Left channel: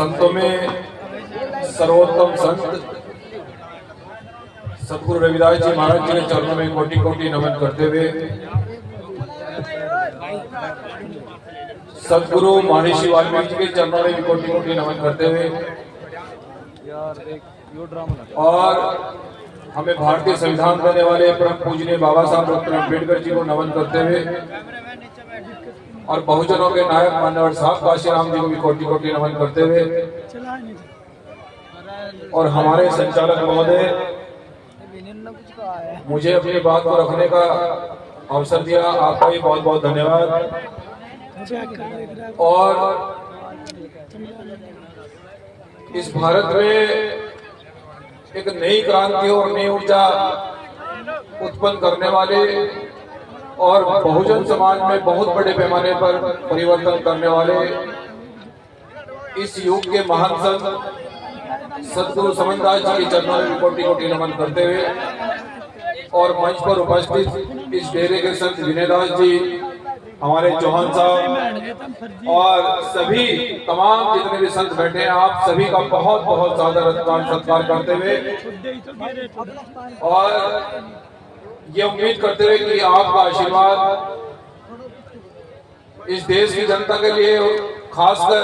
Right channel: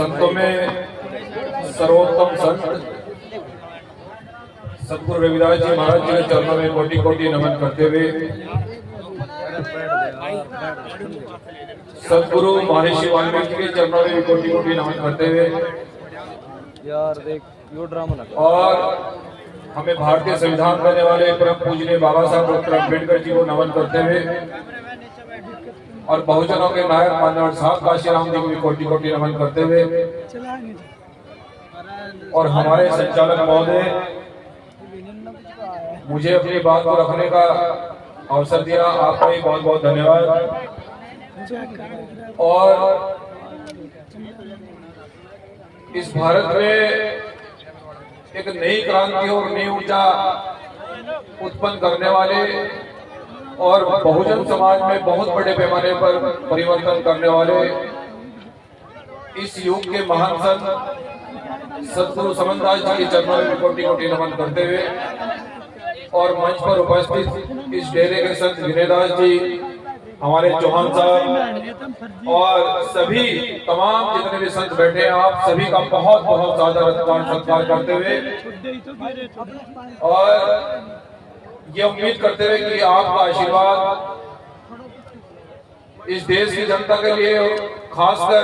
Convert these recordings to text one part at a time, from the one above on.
संतों में सर्वोत्तम संत सतगुरु रविदास जी महाराज जी के चरणों में कोटि कोटि नमन करते हुए सतगुरु महर्षि वाल्मीकि के चरणों में भी कोटि कोटि नमन करते हुए और हमें भारतीय संविधान देने वाले परम पूजनीय बाबा साहब डॉक्टर अम्बेडकर जी को नमन करते हुए और बहुजनों के नायक मान्यवर साहब काशीराम जी को भी कोटि कोटि नमन करते हुए और हमारे संचालक महोदय मुझे अपनी बात को रखने का अवसर दिया, आपका भी बहुत बहुत धन्यवाद। और इस भारत में एक नई क्रांति और नई ऊर्जा उत्पन्न करने वाले और बहुजन समाज में बहुत बड़े पैमाने पर परिवर्तन करने वाले इस युग के महान संत सतगुरु समनदास जी के चरणों में कोटि कोटि नमन करते हुए और मंच पर उपस्थित इस डेरे के संत विनयदास जी, हमारे चौहान साहब और सभी तमाम जितने भी संत बैठे हैं, आप सभी का बहुत बहुत ज्यादा सत्कार करते हुए और ये उम्मीद करते हुए कि आपका आशीर्वाद इस देश की जनता के लिए, खासकर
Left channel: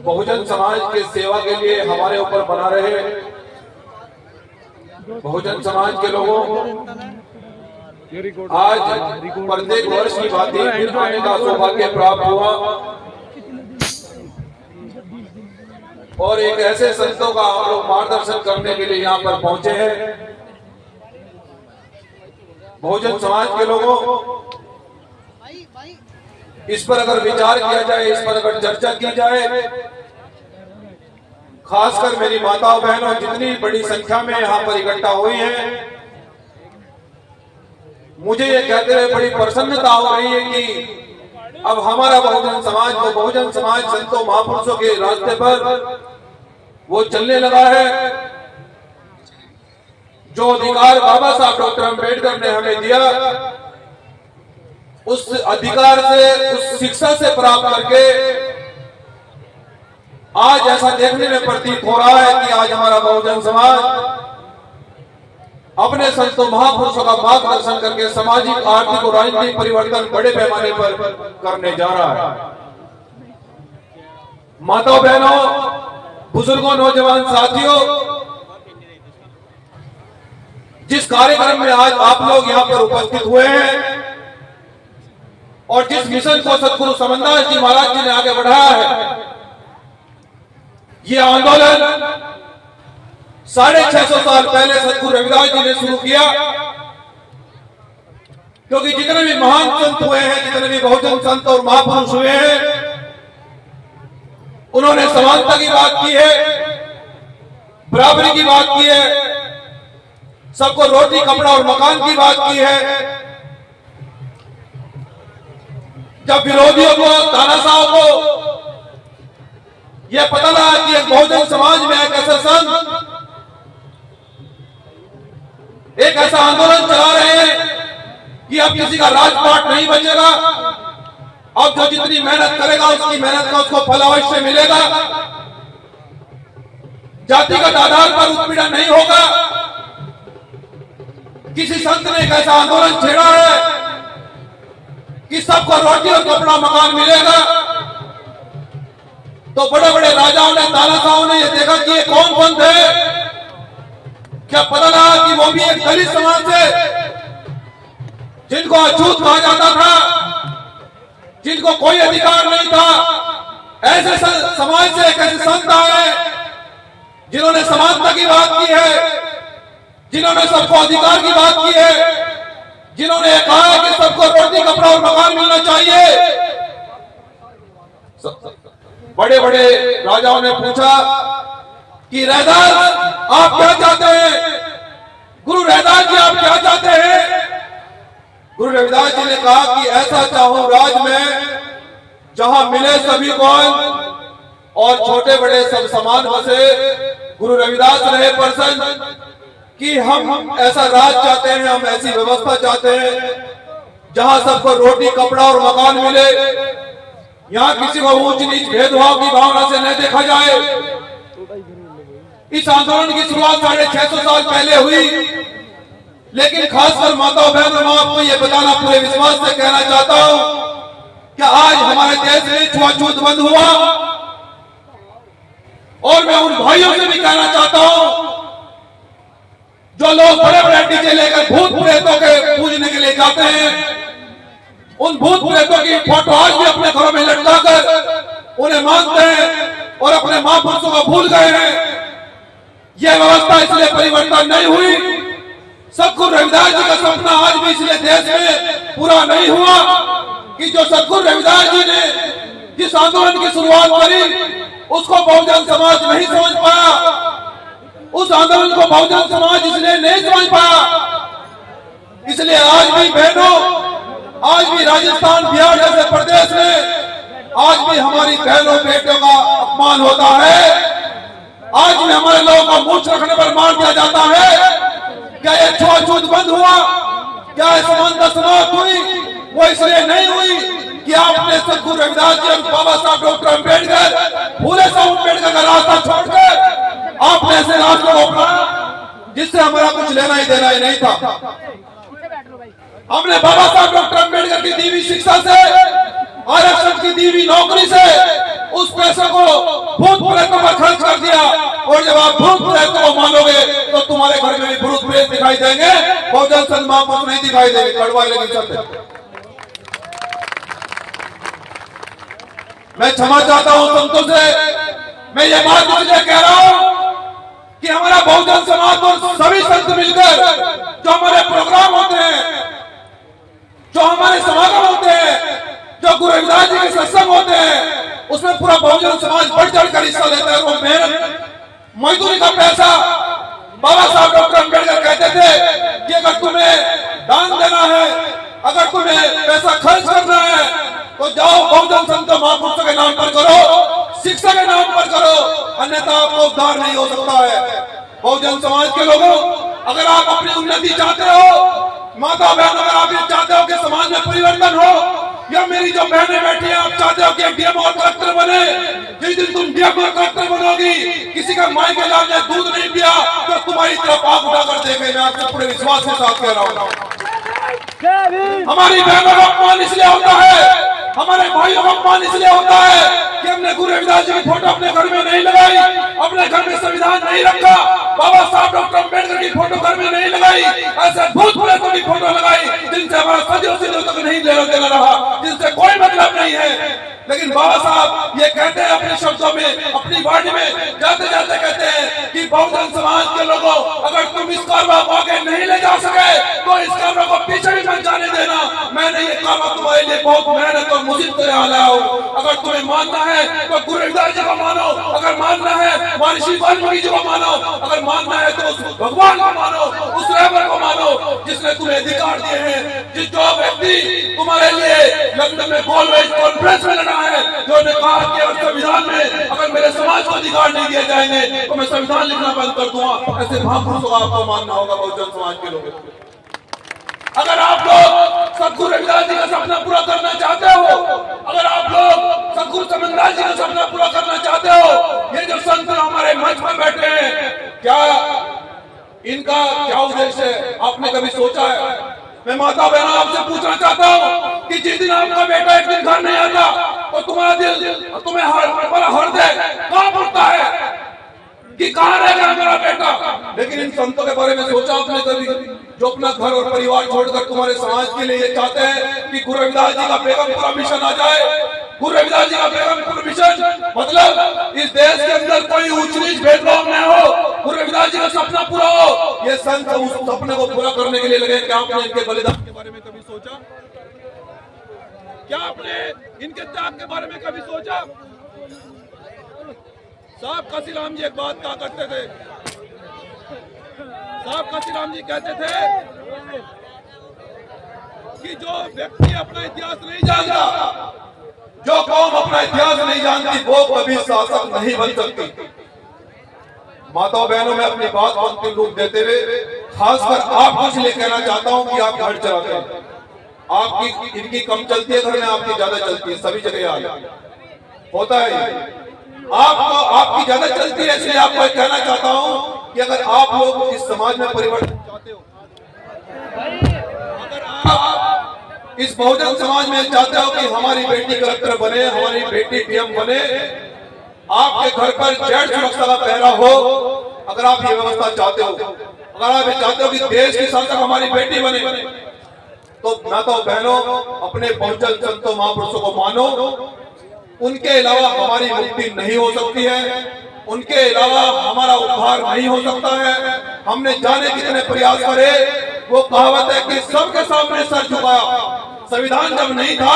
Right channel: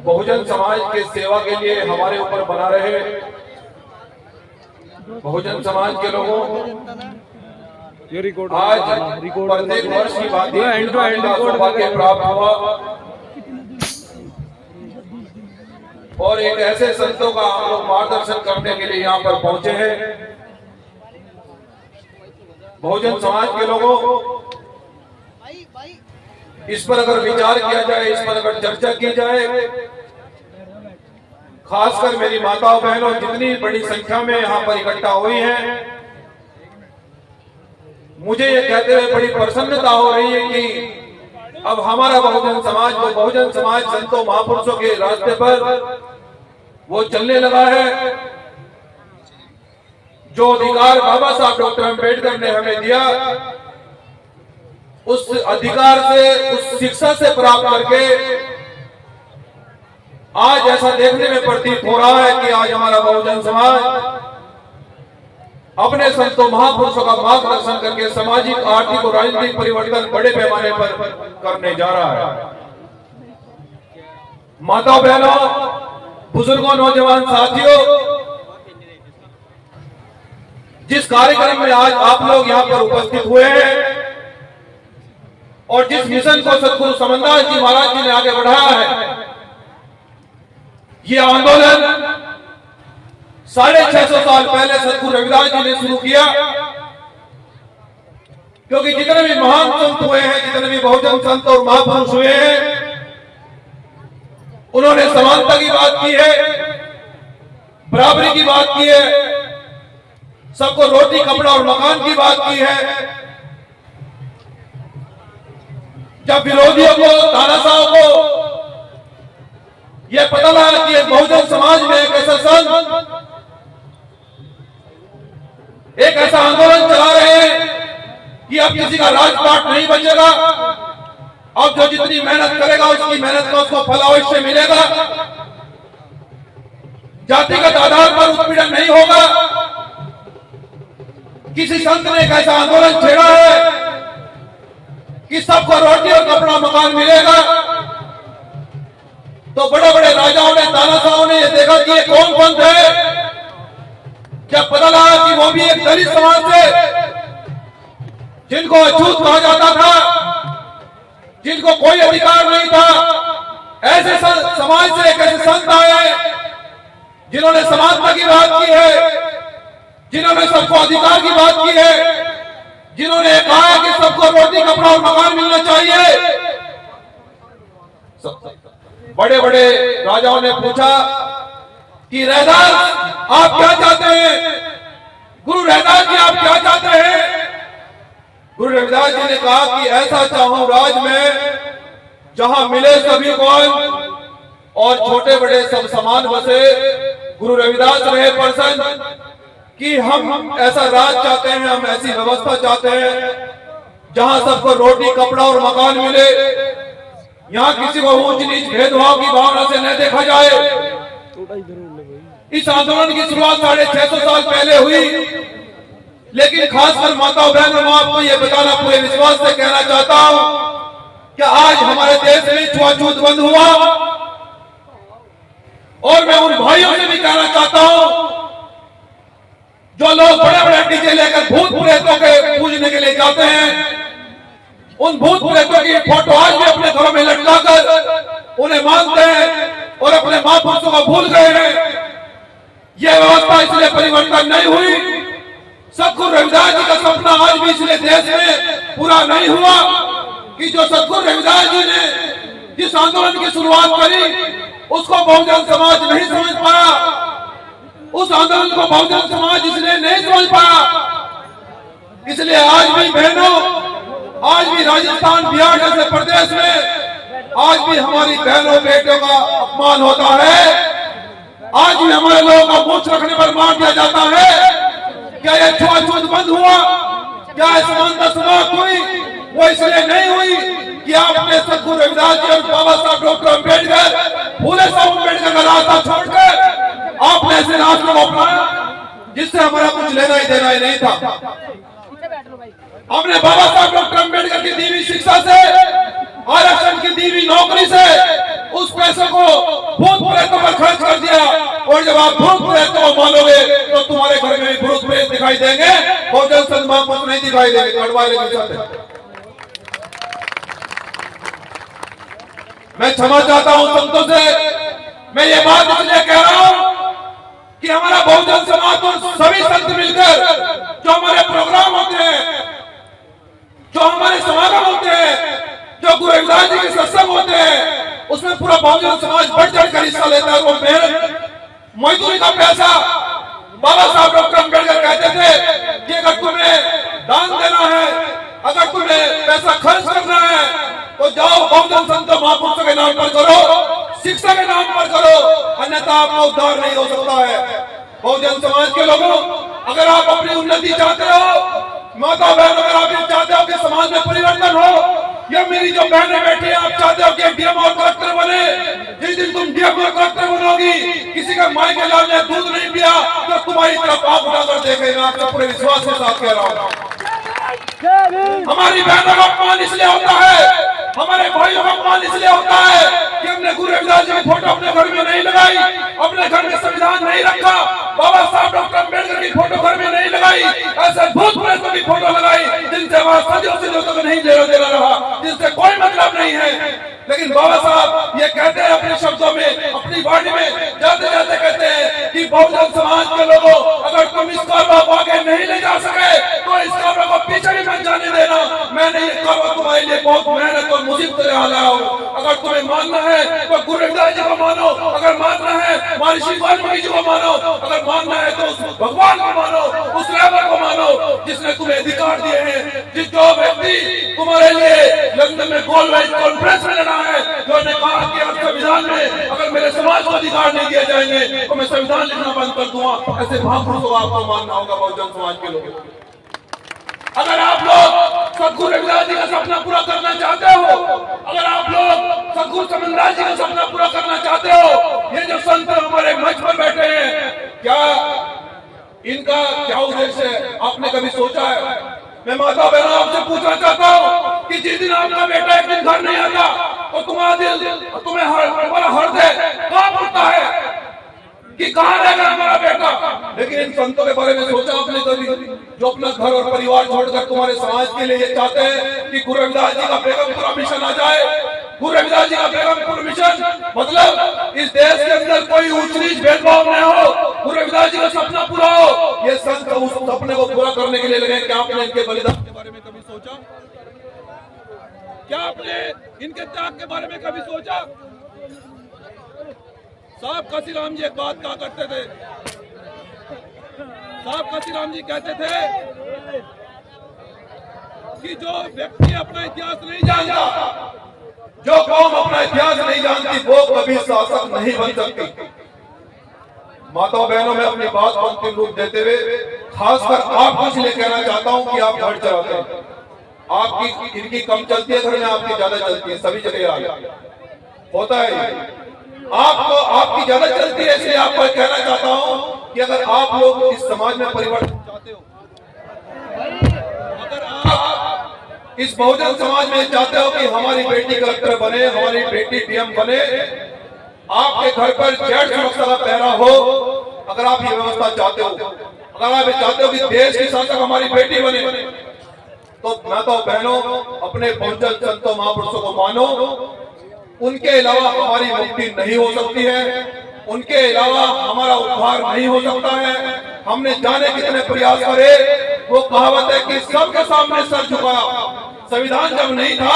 बहुजन समाज के सेवा के लिए हमारे ऊपर बना रहे। बहुजन समाज के लोगों आज प्रत्येक वर्ष की भांति आने का सौभाग्य प्राप्त हुआ और एक ऐसे संतों का हम लोग मार्गदर्शन करने के लिए यहाँ पर पहुंचे हैं। बहुजन समाज के लोगों, इस पर अगर विचार किया जाए, इस पर अगर चर्चा की जाए, खासकर मेरी माताओं बहनों जितनी बड़ी संख्या में यहाँ पर इकट्ठा हुई हैं, मुझे ये कहते हुए बड़ी प्रसन्नता हो रही है कि अब हमारा बहुजन समाज, वो बहुजन समाज संतों महापुरुषों के रास्ते पर वो चलने लगा है। जो अधिकार बाबा साहब डॉक्टर अम्बेडकर ने हमें दिया, उस अधिकार से, उस शिक्षा से प्राप्त करके आज ऐसा देखने में प्रतीत हो रहा है कि आज हमारा बहुजन समाज अपने संतों महापुरुषों का मार्गदर्शन करके सामाजिक, आर्थिक और राजनीतिक परिवर्तन बड़े पैमाने पर करने जा रहा है। माताओं बहनों, बुजुर्गों, नौजवान साथियों, जिस कार्यक्रम में आज आप लोग यहाँ पर उपस्थित हुए हैं और जिस मिशन को सतगुरु समनदास जी महाराज जी ने आगे बढ़ाया है, ये आंदोलन 650 साल पहले सतगुरु रविदास जी ने शुरू किया। क्योंकि जितने भी महान संत हुए हैं, जितने भी बहुजन संत और महापुरुष हुए हैं, उन्होंने समानता की बात की है, बराबरी की बात की है, सबको रोटी, कपड़ा और मकान की बात की है। जब विरोधियों को, तानाशाहों को यह पता लगा कि एक बहुजन समाज में एक ऐसा संत एक ऐसा आंदोलन चला रहे हैं कि अब किसी का राजपाट नहीं बचेगा, अब जो जितनी मेहनत करेगा उसकी मेहनत का उसको फल अवश्य मिलेगा, जातिगत आधार पर उत्पीड़न नहीं होगा। किसी संत ने एक ऐसा आंदोलन छेड़ा है कि सबको रोटी और कपड़ा मकान मिलेगा। तो बड़े बड़े राजाओं ने, तानाशाहों ने ये देखा कि ये कौन पंथ है। जब पता लगा कि वो भी एक दलित समाज से, जिनको अछूत कहा जाता था, जिनको कोई अधिकार नहीं था, ऐसे समाज से एक ऐसे संत आए जिन्होंने समानता की बात की है, जिन्होंने सबको अधिकार की बात की है, जिन्होंने कहा है कि सबको रोटी, कपड़ा और मकान मिलना चाहिए। बड़े बड़े राजाओं ने पूछा कि रैदास आप क्या चाहते हैं, गुरु रैदास जी आप क्या चाहते हैं। गुरु रविदास जी ने कहा कि ऐसा चाहूं राज में जहां मिले सभी को और छोटे बड़े सब समान बसे। गुरु रविदास रहे प्रसन्न कि हम ऐसा राज चाहते हैं, हम ऐसी व्यवस्था चाहते हैं जहां सबको रोटी, कपड़ा और मकान मिले। यहाँ किसी को ऊंच नीच भेदभाव की भावना से न देखा जाए। इस आंदोलन की शुरुआत 650 साल पहले हुई, लेकिन खासकर माताओं बहनों, मैं आपको ये बताना पूरे विश्वास से कहना चाहता हूं कि आज हमारे देश में छुआछूत बंद हुआ। और मैं उन भाइयों से भी कहना चाहता हूं जो लोग बड़े बड़े डीजे लेकर भूत प्रेतों के पूजने के लिए जाते हैं, उन भूत प्रेतों की फोटो आज भी अपने घरों में लटकाकर उन्हें मानते हैं और अपने महापुरुषों को भूल गए हैं। यह व्यवस्था इसलिए परिवर्तन नहीं हुई। सतगुरु रविदास जी का सपना आज भी इसलिए देश में पूरा नहीं हुआ कि जो सतगुरु रविदास जी ने जिस आंदोलन की शुरुआत करी उसको बहुजन समाज नहीं समझ पाया। उस आंदोलन को बहुजन समाज इसलिए नहीं समझ पाया। इसलिए आज भी बहनों, आज भी राजस्थान बिहार जैसे प्रदेश में आज भी हमारी बहनों बेटों का अपमान होता है। आज भी हमारे लोगों को मूछ रखने पर मार दिया जाता है। क्या यह छुआछूत बंद हुआ? क्या यह समानता समाप्त हुई? वो इसलिए नहीं हुई कि आपने सतगुरु रविदास जी और बाबा साहब डॉक्टर अम्बेडकर, फूले साहब अम्बेडकर का रास्ता छोड़कर आपने ऐसे रास्ते को अपनाया जिससे हमारा कुछ लेना ही देना ही नहीं था। हमने बाबा साहब डॉक्टर अम्बेडकर की दी हुई शिक्षा से, आरक्षण की दी हुई नौकरी से उस पैसे को भूत प्रेतों पर खर्च कर दिया। और जब आप भूत प्रेतों को मानोगे तो तुम्हारे घर में भी भूत प्रेत दिखाई देंगे, बहुजन संघ महापुरुष नहीं दिखाई देंगे। कड़वा लेकिन मैं क्षमा चाहता हूं संतों से। मैं ये बात इसलिए कह रहा हूं कि हमारा बहुजन समाज और सभी संत मिलकर जो हमारे प्रोग्राम होते हैं, जो हमारे समागम होते हैं, जो गुरु रविदास जी के सत्संग होते हैं, उसमें पूरा बहुजन समाज बढ़ चढ़कर हिस्सा लेता है। वो मेहनत मजदूरी का पैसा, बाबा साहब डॉक्टर अम्बेडकर कहते थे कि अगर तुम्हें दान देना है, अगर तुम्हें पैसा खर्च करना है तो जाओ बहुजन संत महापुरुषों के नाम पर करो, शिक्षा के नाम पर करो, अन्यथा आपका उद्धार नहीं हो सकता है। बहुजन समाज के लोगों, अगर आप अपनी उन्नति चाहते हो, माता बहन, अगर आप ये चाहते हो कि समाज में परिवर्तन हो, या मेरी जो बहनें बैठी हैं, आप चाहते हो कि डीएम और कलेक्टर बने, जिस दिन तुम डीएम और कलेक्टर बनोगी, किसी का माई के लाल ने दूध नहीं पिया तो तुम्हारी तरफ आंख उठाकर देखे। मैं आपसे पूरे विश्वास के साथ कह रहा हूँ। हमारी बहनों का अपमान इसलिए होता है, हमारे भाइयों का अपमान इसलिए होता है कि हमने गुरु रविदास जी की फोटो अपने घर में नहीं लगाई, अपने घर में संविधान नहीं रखा, बाबा साहब डॉक्टर अम्बेडकर की फोटो घर में नहीं लगाई, ऐसे भूत प्रेतों की फोटो लगाई जिनसे हमारा सदियों से तक नहीं लेना देना रहा, जिनसे कोई मतलब नहीं है। लेकिन बाबा साहब ये कहते हैं अपने शब्दों में, अपनी वाणी में जाते जाते कहते हैं कि बहुजन समाज के लोगों, अगर तुम इस कारवा को आगे नहीं ले जा सके तो इस कारवा को पीछे भी मत जाने देना। मैंने ये कारवा तुम्हारे लिए बहुत मेहनत और मुसीबत से लाया हूँ। अगर तुम्हें मानना है तो गुरु रविदास जी को मानो, अगर मानना है महर्षि वाल्मीकि जी को मानो, अगर मानना है तो उस भगवान को मानो, उस रहबर को मानो जिसने तुम्हें अधिकार दिए हैं। जो व्यक्ति तुम्हारे लिए लंदन में गोलमेज कॉन्फ्रेंस में लड़ा है, जो ने कहा कि संविधान में अगर मेरे समाज को अधिकार नहीं दिए जाएंगे तो मैं संविधान लिखना बंद कर दूंगा, ऐसे महापुरुषों को आपको मानना होगा। बहुजन समाज के लोग, अगर आप लोग सतगुरु रविदास जी का सपना पूरा करना चाहते हो, अगर आप लोग सतगुरु समनदास जी का सपना पूरा करना चाहते हो, ये जो संत हमारे मंच में बैठे हैं, क्या इनका क्या उद्देश्य है? आपने कभी सोचा है? मैं माता बहनों आपसे पूछना चाहता हूँ कि जिस दिन आपका बेटा एक दिन घर नहीं आता तो तुम्हारा दिल, तुम्हें तुम्हारा हृदय कांप उठता है कि कहाँ रह गया हमारा बेटा। लेकिन इन संतों के बारे में सोचा आपने कभी, जो अपना घर और परिवार छोड़कर तुम्हारे समाज के लिए ये चाहते हैं कि गुरु रविदास जी का बेगमपुरा मिशन आ जाए। गुरु रविदास जी का बेगमपुरा मिशन मतलब इस देश के अंदर कोई ऊंच नीच भेदभाव न हो, गुरु रविदास जी का सपना पूरा हो। ये संत उस सपने को पूरा करने के लिए लगे। क्या आपने इनके बलिदान के बारे में कभी सोचा? क्या आपने इनके त्याग के बारे में कभी सोचा? साहब काशीराम जी एक बात कहा करते थे, साहब काशीराम जी कहते थे कि जो व्यक्ति अपना इतिहास नहीं जानता, जो कौम अपना इतिहास नहीं जानती, वो कभी शासक नहीं बन सकती। माताओं बहनों, में अपनी बात को अंतिम रूप देते हुए खासकर आपको इसलिए कहना चाहता हूं कि आप घर चलाते हैं, आपकी इनकी कम चलती है घर में, आपकी ज्यादा चलती है, सभी जगह आ होता है। आपको आपकी ज्यादा चलती है, इसलिए आपको कहना चाहता हूं कि अगर आप लोग इस समाज में परिवर्तन चाहते हो, अगर आप इस बहुजन समाज में चाहते हो कि हमारी बेटी कलेक्टर बने, हमारी बेटी पीएम बने, आपके घर पर जेड सुरक्षा का पहरा हो, अगर आप ये व्यवस्था चाहते हो, अगर आप ये चाहते हो कि देश की शासक हमारी बेटी बने, तो मैं तो बहनों अपने बहुजन संतों महापुरुषों को मानो। उनके अलावा हमारी मुक्ति नहीं हो सकती है, उनके अलावा हमारा उद्धार नहीं हो सकता है। हमने जाने कितने प्रयास करे, वो कहावत है कि सबके सामने सर झुकाया, संविधान जब नहीं था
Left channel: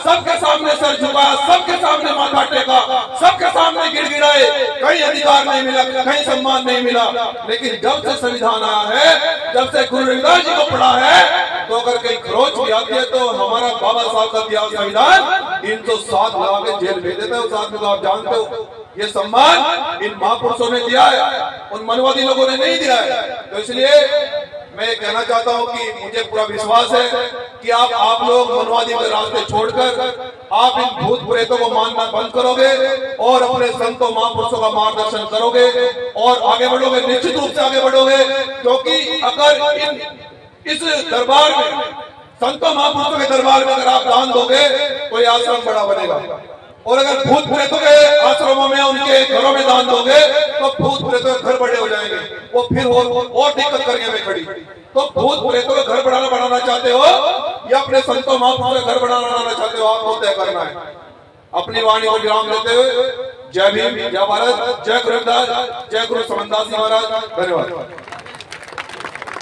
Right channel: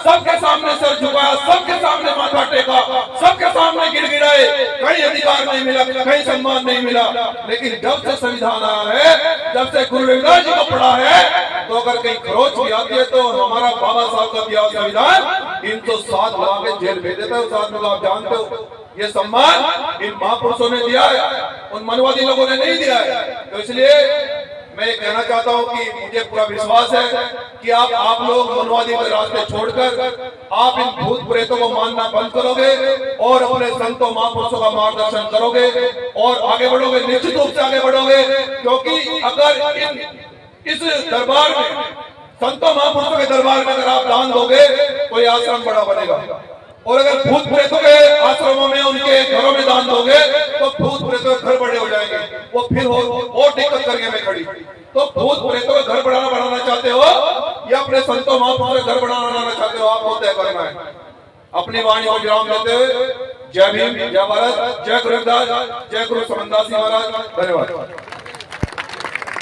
सबके सामने सर झुकाया, सबके सामने माथा टेका, सबके सामने गिड़गिड़ाए, कहीं अधिकार नहीं मिला, कहीं सम्मान नहीं मिला। लेकिन जब से संविधान आया है, जब से गुरु रविदास जी को पढ़ा है, तो अगर कहीं खरोच भी आती है तो हमारा बाबा साहब का दिया संविधान 307 लगा के जेल भेज देता है। उस आदमी को आप जानते हो, ये सम्मान इन महापुरुषों ने दिया है, उन मनवादी लोगों ने नहीं दिया है। तो इसलिए मैं कहना चाहता हूं कि मुझे पूरा विश्वास है कि आप लोग मनवादी के रास्ते छोड़कर आप इन भूत प्रेतों को मानना बंद करोगे और अपने संतों महापुरुषों का मार्गदर्शन करोगे और आगे बढ़ोगे, निश्चित रूप से आगे बढ़ोगे। क्योंकि अगर इस दरबार में, संतों महापुरुषों के दरबार में अगर आप दान दोगे तो ये आश्रम बड़ा बनेगा, और अगर भूत प्रेतों के आश्रमों में, उनके घरों में दान दोगे तो भूत प्रेतों के घर बड़े हो जाएंगे, वो फिर और दिक्कत करेंगे में खड़ी। तो भूत प्रेतों के घर बढ़ाना चाहते हो या अपने संतों महापुरुषों के घर बनाना चाहते हो, आपको तय करना है। अपनी वाणी को विराम देते हुए जय भीम, जय भारत, जय गुरु रविदास, जय गुरु समनदास जी महाराज। धन्यवाद।